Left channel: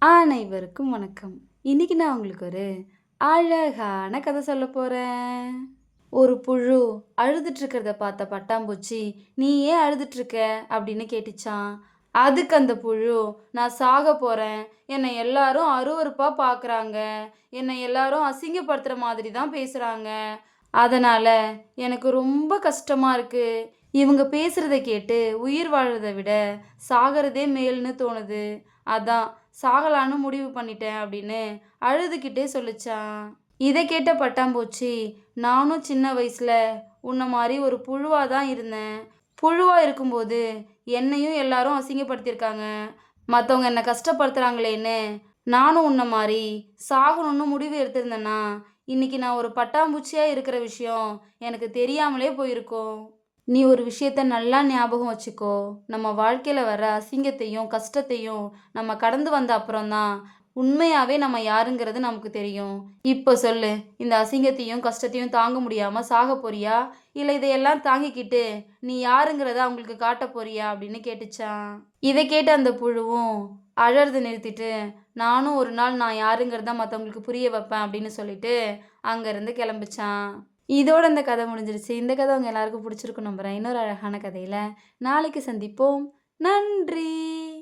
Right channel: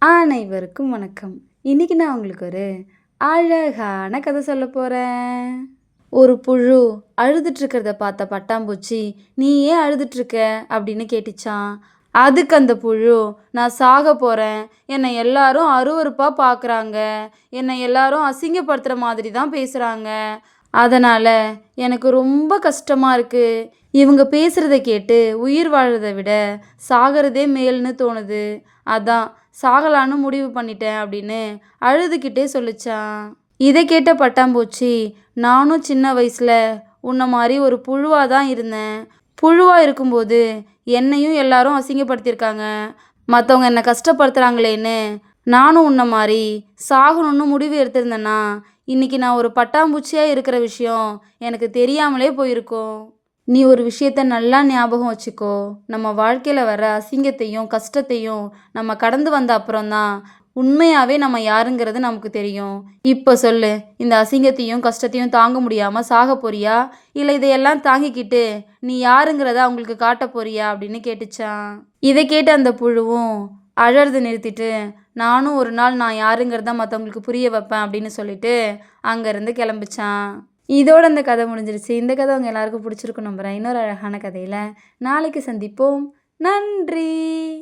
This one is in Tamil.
அனைவருக்கும் வணக்கம். இன்னைக்கு நான் உங்களுக்கு ஒரு அழகான கதை சொல்ல போறேன். ஒரு புழு அழுதுட்டு இருக்கிறத பார்த்த பட்டாம்பூச்சி, "நீ ஏன் அழுதுட்டு இருக்க?" அப்படின்னு கேட்டுச்சாம். அதுக்கு அந்த புழு, "நான் சாக போறேன். என்னை எல்லாரும் அருவருப்பா பார்க்குறாங்க. என்னை எல்லாரும் அசிங்கப்படுத்துற மாதிரி தான் பேசுறாங்க. அதனால எனக்கு ரொம்ப கஷ்டமா இருக்கு. இவங்க பேசுறத கேட்டு உயிர் வாழறத விட சாகறதே மேல்னு தோணுது. அதான் சாகலான்னு முடிவு பண்ணிட்டேன்" அப்படின்னு அழுதுகிட்டே சொல்லுச்சான். இதை கேட்ட பட்டாம்பூச்சி, "நானும் சின்ன வயசுல உன்ன மாதிரி ஒரு புழுவா தான் இருந்தேன். புழுவா இருக்கும்போது என்னையும் எல்லாரும் அசிங்கப்படுத்தியிருக்காங்க. மற்றவங்க என்னை கஷ்டப்படுத்துறாங்களேன்னு நானும் உன்ன மாதிரி சாகணும்னு முடிவு எடுத்திருந்தேன்னா இன்னைக்கு நான் ஒரு பட்டாம்பூச்சியா இருக்கிற விஷயம் எனக்கு தெரியாமலே போயிருக்கும். நீ ஒரு விஷயத்த நல்லா ஞாபகம் வச்சுக்கோ. நம்ம வாழ்க்கையில வர அசிங்கத்தையும் கஷ்டத்தையும் நம்ம கடந்து வந்த அப்புறம்தான் உண்மையாவே நம்ம யாருங்கிறது நமக்கு தெரியும். இப்போ சொல்லு, இந்த அசிங்கத்தையும் கஷ்டத்தையும் தாங்க முடியாம சாக போறியா, இல்லை இதையெல்லாம் தாங்கிக்கிட்டு நீ யாருங்கிறத அவங்களுக்கு காட்ட போறியா அப்படின்னு கேட்டுச்சான். இதை கேட்ட அந்த புழுவும் அழறதை நிறுத்திட்டு, நானும் ஒரு நாள் நான் யாருங்கிறத மற்றவங்களுக்கு புரிய வைப்பேன் அப்படின்னு சொல்லிட்டு அங்கேருந்து கிளம்பிச்சான். இதோட இந்த கதை முடிஞ்சிருச்சு. இந்த கதை உங்கள் எல்லாருக்கும் பிடிச்சிருக்கும் நம்புகிறேன். இன்னொரு அழகான கதையில் நாளைக்கு சந்திப்போம். நன்றி.